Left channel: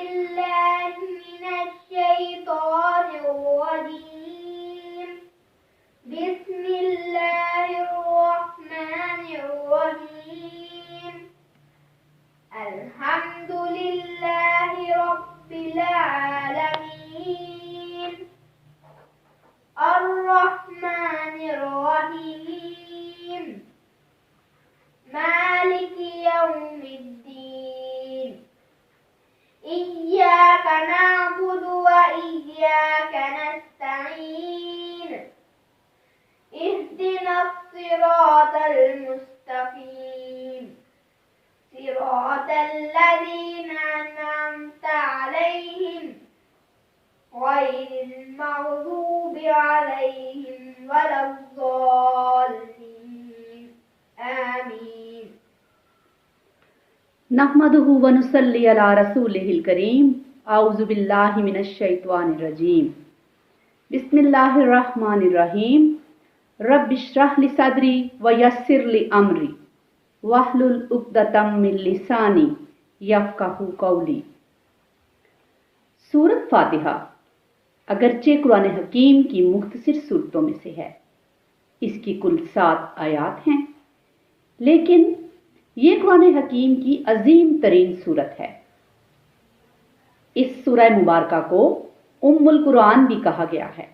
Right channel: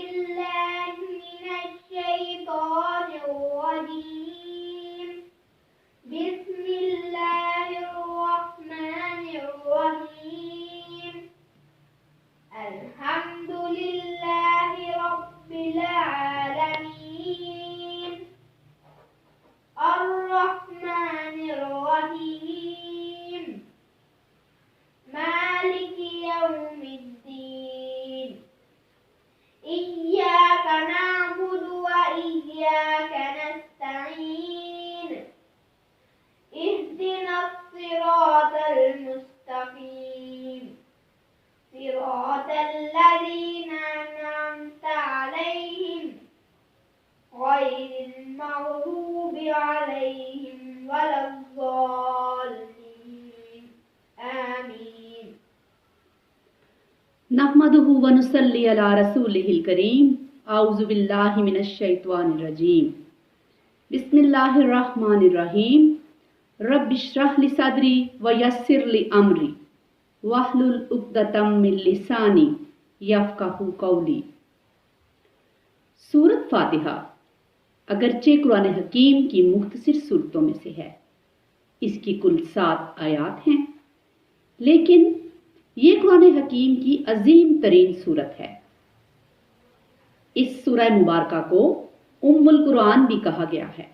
بالله من الشيطان الرجيم بسم الله الرحمن الرحيم الحمد لله رب العالمين الرحمن الرحيم مالك يوم الدين إياك نعبد وإياك نستعين اهدنا الصراط المستقيم صراط الذين أنعمت عليهم غير المغضوب عليهم ولا الضالين آمين نحمده ونصلي على رسوله الكريم اعوذ بالله من الشيطان الرجيم بسم الله الرحمن الرحيم رب اشرح لي صدري ويسر لي امري واحلل عقدة من لساني يفقهوا قولي۔ سورۃ فاتحہ اگرچہ قرآن حکیم کی مختصر صورتوں میں سے ہے، اس کی کل 7 آیات ہیں، لیکن یہ قرآن حکیم کی عظیم ترین صورت ہے۔ اس سورہ مبارکہ کو ام القرآن بھی کہا گیا ہے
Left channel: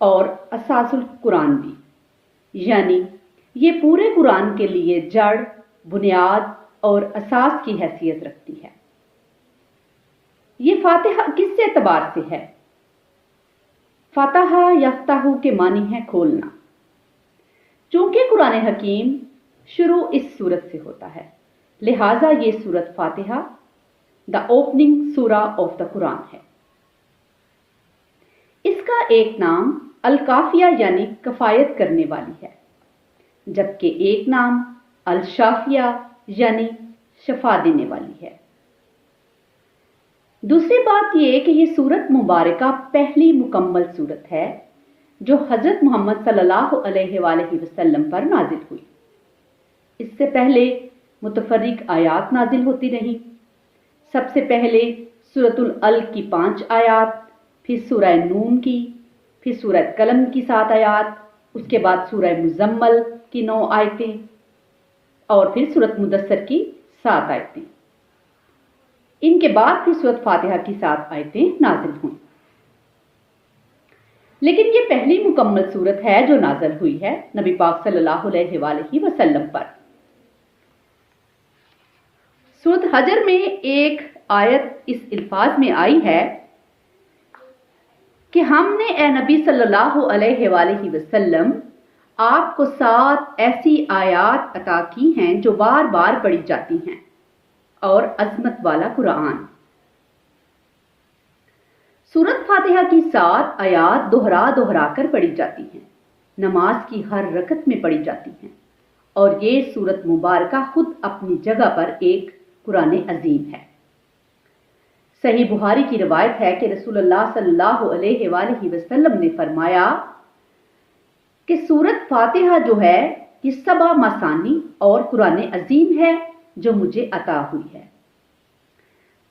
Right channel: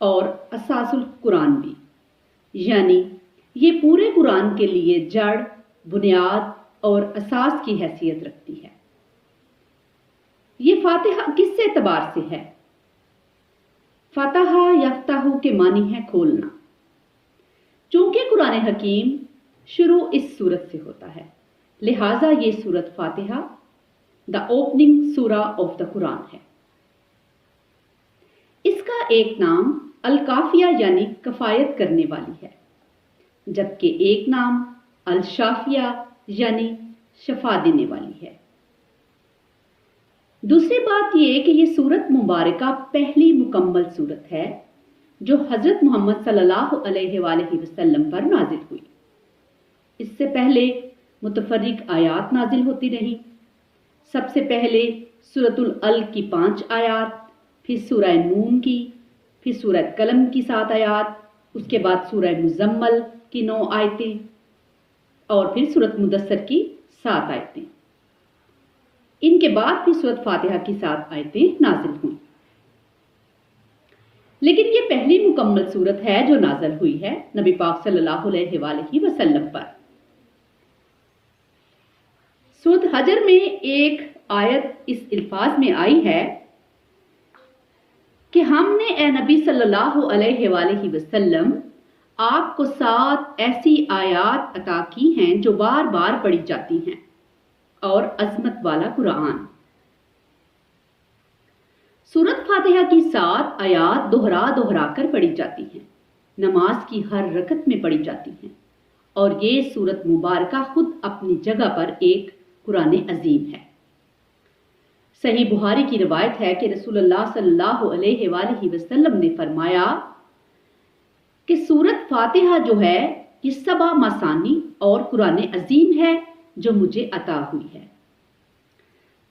اور اساس القرآن بھی، یعنی یہ پورے قرآن کے لیے جڑ، بنیاد اور اساس کی حیثیت رکھتی ہے۔ یہ فاتحہ کس اعتبار سے ہے؟ فاتحہ یفتح کے معنی ہے کھولنا۔ چونکہ قرآن حکیم شروع اس سورت سے ہوتا ہے، لہٰذا یہ سورت فاتحہ دا اوپننگ سورہ آف دا قرآن ہے۔ اس کا ایک نام الکافیہ یعنی کفایت کرنے والی ہے، جبکہ ایک نام الشافیہ یعنی شفا دینے والی ہے۔ دوسری بات یہ کہ یہ سورت مبارکہ پہلی مکمل سورت ہے جو حضرت محمد صلی اللہ علیہ وآلہ وسلم پر نازل ہوئی۔ اس سے پہلے متفرق آیات نازل ہوتی رہیں۔ سب سے پہلے سورۃ العلق کی 5 آیات، پھر سورہ نون کی، پھر سورہ قلم کی 7 آیات، اس کے بعد سورہ مزمل کی 9 آیتیں اور پھر سورۃ مدثر کی 7 آیتیں۔ ان کے بعد پھر سورۃ فاتحہ کی 7 آیتیں نازل ہوئیں۔ لیکن یہ پہلی مکمل سورت ہے جو نازل ہوئی ہے نبی پاک صلی اللہ علیہ وآلہ وسلم پر۔ سورۃ حجر میں ایک آیت اس الفاظ میں آئی ہے کہ ہم نے اے نبی صلی اللہ علیہ وآلہ وسلم آپ کو 7 ایسی آیات عطا کی ہیں جو بار بار پڑھی جاتی ہیں اور عظمت والا قرآن۔ سورۃ فاتحہ کی 7 آیات دوہرا کر پڑھی جاتی ہیں، نماز کی ہر رکعت میں پڑھی جاتی ہیں، اور یہ سورۃ مبارکہ خود اپنی جگہ پر ایک قرآن عظیم ہے۔ صحیح بخاری کی روایت ہے کہ رسول اللہ صلی اللہ علیہ وآلہ وسلم نے فرمایا کہ سورۃ فاتحہ جو ہے یہ 7 مثانی اور قرآن عظیم ہے جو مجھے عطا ہوئی ہے۔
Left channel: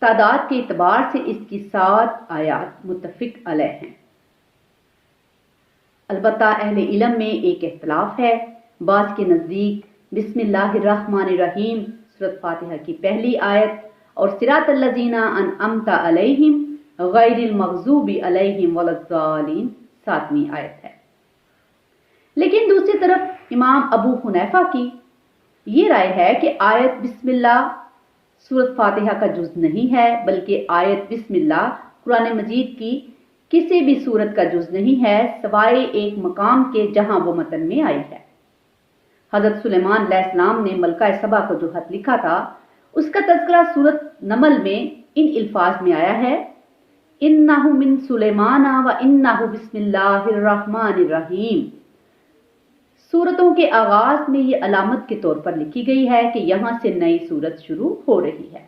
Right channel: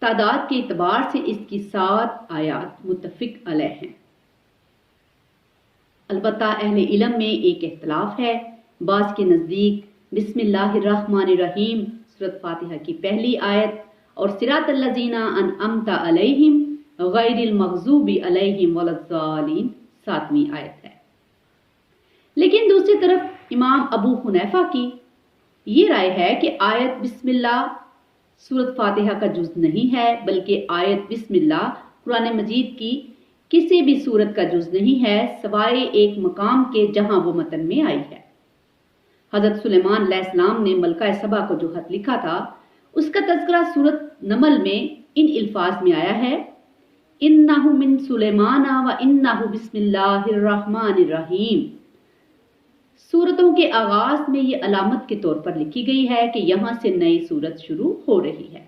تعداد کے اعتبار سے اس کی 7 آیات متفق علیہ ہیں۔ البتہ اہل علم میں ایک اختلاف ہے، بعض کے نزدیک بسم اللہ الرحمن الرحیم سورۃ فاتحہ کی پہلی آیت اور صراط الذین انعمت علیہم غیر المغضوب علیہم ولا الضالین 7ویں آیت ہے۔ لیکن دوسری طرف امام ابو حنیفہ کی یہ رائے ہے کہ آیت بسم اللہ سورۃ فاتحہ کا جز نہیں ہے، بلکہ آیت بسم اللہ قرآن مجید کی کسی بھی سورت کا جز نہیں ہے سوائے ایک مقام کے جہاں وہ متن میں آئی ہے۔ حضرت سلیمان علیہ السلام نے ملکہ سبا کو جو خط لکھا تھا اس کا تذکرہ سورۃ نمل میں ان الفاظ میں آیا ہے، انہ من سلیمان و انہ بسم اللہ الرحمن الرحیم۔ سورتوں کے آغاز میں یہ علامت کے طور پر لکھی گئی ہے کہ یہاں سے نئی سورت شروع ہو رہی ہے۔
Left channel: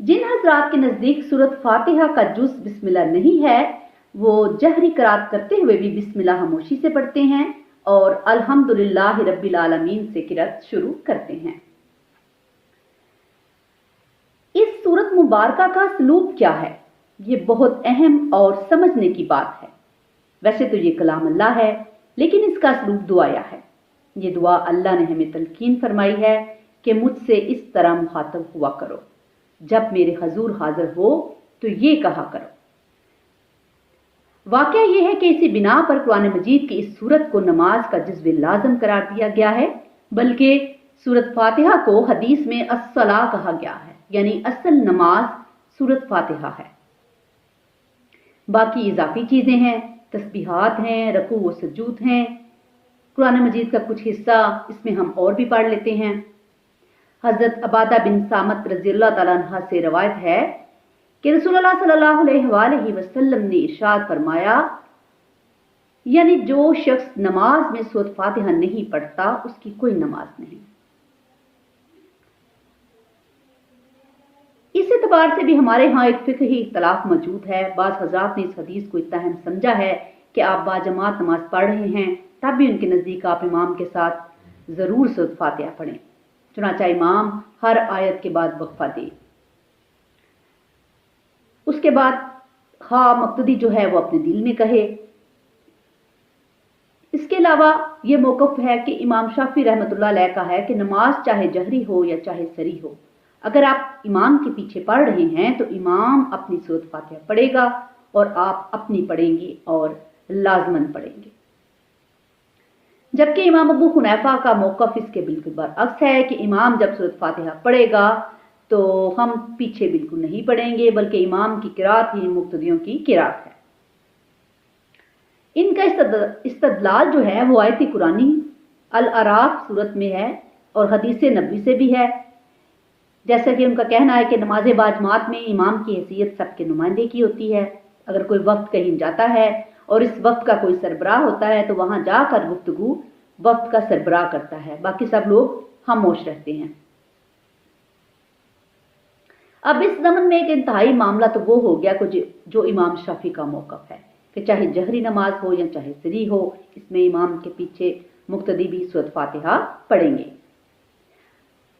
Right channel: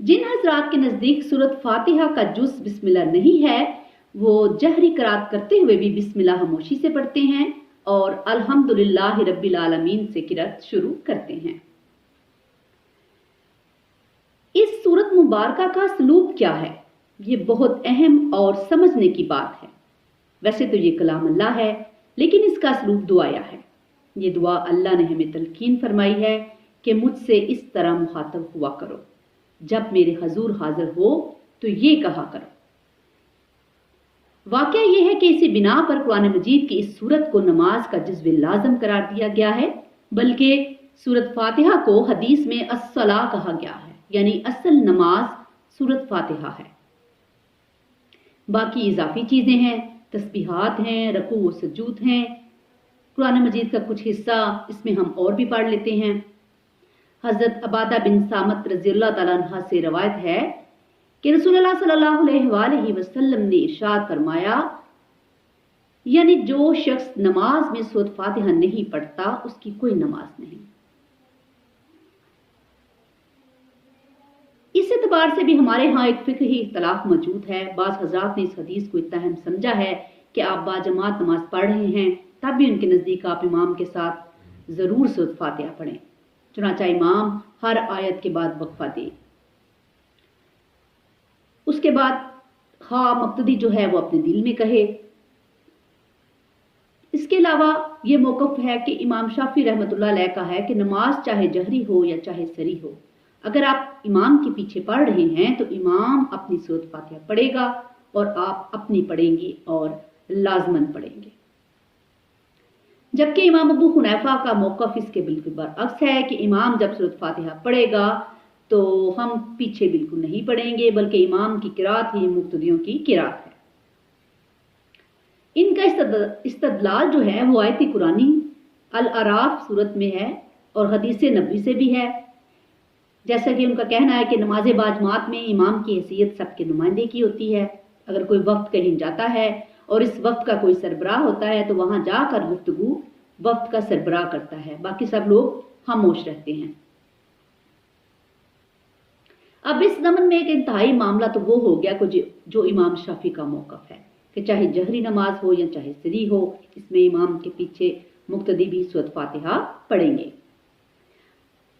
جن حضرات کے نزدیک سورۃ فاتحہ کا جز بسم اللہ نہیں ہے وہ جہری قرات کرتے ہوئے بھی بسم اللہ خاموشی سے پڑھتے ہیں اور الحمدللہ رب العالمین سے قرات شروع کرتے ہیں۔ मुबारका का सलूक क्या है, ये बहुत अहम और समझने की बात है। वैसे तो ये कलाम अल्लाह है, लेकिन इसका सलूक दुआया है। ये दुआ अल्लाह ने हमें तलकीन फरमाई है कि मुझसे इस तरह मुखातब हुआ करो, जब मेरे हजूर हाजिर हो तो ये कहा करो। वाकया ये है कि इसी बिना पर कुरान मजीद की इस सूरत को नमाज का जज्व लाजम करार दिया गया है, बल्कि सूरत फातिहा को हदीस में अस्सला कहा गया है, यानी असल नमाज सूरत फातिहा है। बाकी इजाफी चीजें हैं, तस्बीहात हैं, रकू व सजूद हैं। कुरान मजीद का कुछ हिस्सा इसमें हम और भी पढ़ लेते हैं। हजरत अबादा बिन सामत रज़ियल्लाहु ताला अन्हा से रवायत है कि रसूलुल्लाह सल्लल्लाहु अलैहि वसल्लम ने इरशाद फरमाया, यानी जो शख्स नमाज में सूरत फातिहा नहीं पढ़ता उसकी कोई नमाज नहीं। इस एतबार से भी हमारे यहाँ एक फिक्ही इख्तलाफ मौजूद है। बाज़ हज़रात ने इस हदीस को इतना अहम समझा है कि आप बाजमात नमाज पढ़ रहे हैं तब भी उनके नज़दीक आप इमाम के साथ ज़रूर सूरत फातिहा पढ़ें, चुनांचे इमाम हर आयत के बाद वक्फा दे। उसके बाद हाँ मुक्तदी जो है वो अपने दिल में कहे। इसके अलावा ये मौक़िफ़ है कि इमाम शाफी रहमतुल्लाह अलैह का है कि नमाज चाहे जहरी हो या चाहे सरी हो, अगर आप इमाम के पीछे पढ़ रहे हैं तो इमाम अपनी सूरत फातिहा पढ़ेगा और आप अपनी पढ़ेंगे और लाजमन पढ़ेंगे। जबकि इमाम अबू हुनैफा का मौक़िफ़ इसके बिल्कुल बरअक्स है कि इमाम जब सूरत फातिहा पढ़ेगा तो हम पीछे बिल्कुल नहीं पढ़ेंगे, बल्कि इमाम की किरात ही मुक्तदियों की किरात है। इनका इस्तदलाल जो है वो आयत कुरानी अल अराफ सूरत में है और हदीस नबवी से भी है। जैसा कि उनका कहना है कि नमाज बाजमात में इमाम की हैसियत सबके नुमाइंदे की होती है। अगर कोई वक्त कहीं जाता है और इस वक्त का कोई सरबराह होता है तो वहां जाकर गुफ्तगू वक्त का सरबराह करता है, बाकी सब लोग खामोश रहते हैं। अब इस ज़मन में एक इंतहाई मामला तो वो हो गया जो इमाम शाफी का मौक़िफ़ है कि चाहे जहरी नमाज हो या चाहे सरी हो, इसमें इमाम के पीछे मुक्तदी भी सूरत फातिहा पढ़ेंगे।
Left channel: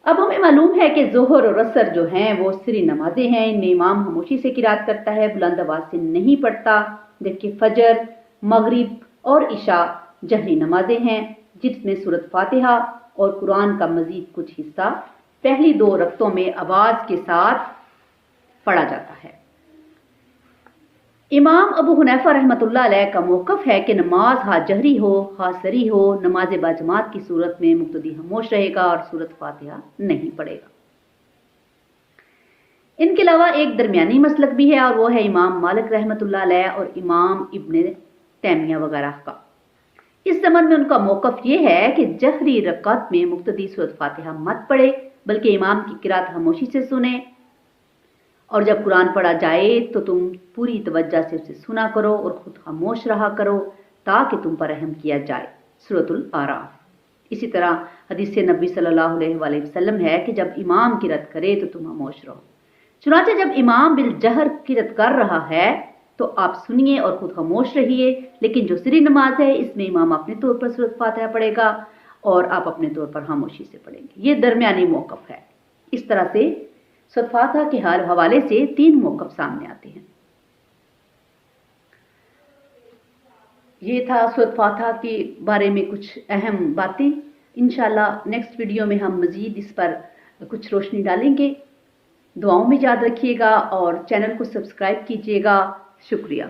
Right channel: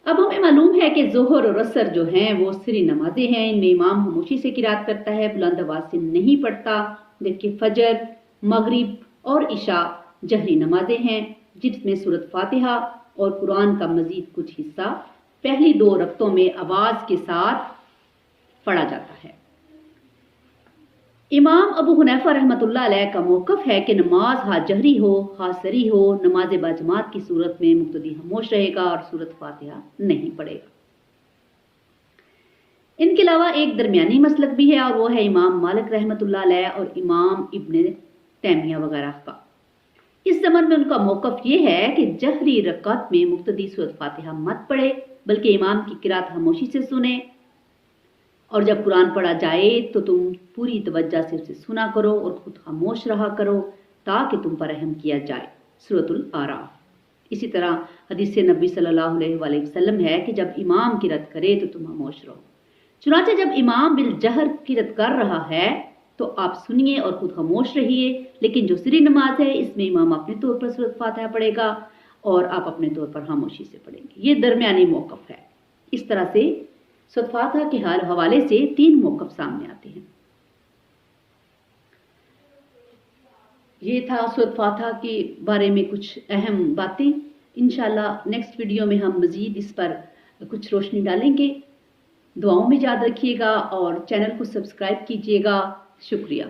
अब हमें मालूम है कि ज़ोहर और असर जो हैं वो सरी नमाजें हैं, इनमें इमाम खामोशी से किरात करता है, बुलंद आवाज़ से नहीं पढ़ता। जबकि फजर, मगरिब और इशा जहरी नमाजें हैं जिसमें सूरत फातिहा और कुरान का मजीद कुछ हिस्सा पहली 2 रकतों में आवाज़ के साथ पढ़ा जाता है। इमाम अबू हुनैफा रहमतुल्लाह अलैह का मौक़िफ़ है कि नमाज हा जहरी हो हा सरी हो, नमाज बाजमात की सूरत में मुक्तदी खामोश रहेगा और सूरत फातिहा नहीं पढ़ेगा। इनके अलावा एक दरमियानी मसलक भी है और वो है इमाम मालिक रहमतुल्लाह अलैह और इमाम इब्न तैमिया वगैरह का। इस ज़माने में उनका मौक़िफ़ ये है कि जहरी रकात में मुक्तदी सूरत फातिहा मत पढ़े, बल्कि इमाम की किरात खामोशी से सुने और जब कुरान पढ़ा जाए तो तुम पूरी तवज्जो से उसे सुना करो और खुद खामोश रहा करो ताकि तुम पर रहम किया जाए। सूरतुल आराफ। इसी तरह हदीस नबी सल्लल्लाहु अलैहि वसल्लम है कि जब इमाम किरात करे तो तुम खामोश रहो। चुनांचे जब इमाम बिल जहर किरात कर रहा है तो आप सुनिए और खुद खामोश रहिए, लेकिन जो सरी नमाज है इसमें इमाम अपने तौर पर सूरत फातिहा पढ़ेगा और आप अपने तौर पर खामोशी से पढ़ेंगे। ये दरमियानी मौक़िफ़ है। इस तरह से सूरत फातिहा के हवाले से 3 मौक़िफ़ सामने आते हैं। ये था सूरत फातिहा के बारे में कुछ अहम बातें। इंशाल्लाह नेक्स्ट वीडियो में हम मज़ीद इस पर कुछ रोशनी डालेंगे। दुआओं में याद रखिएगा और चैनल को सब्सक्राइब कीजिएगा। शुक्रिया।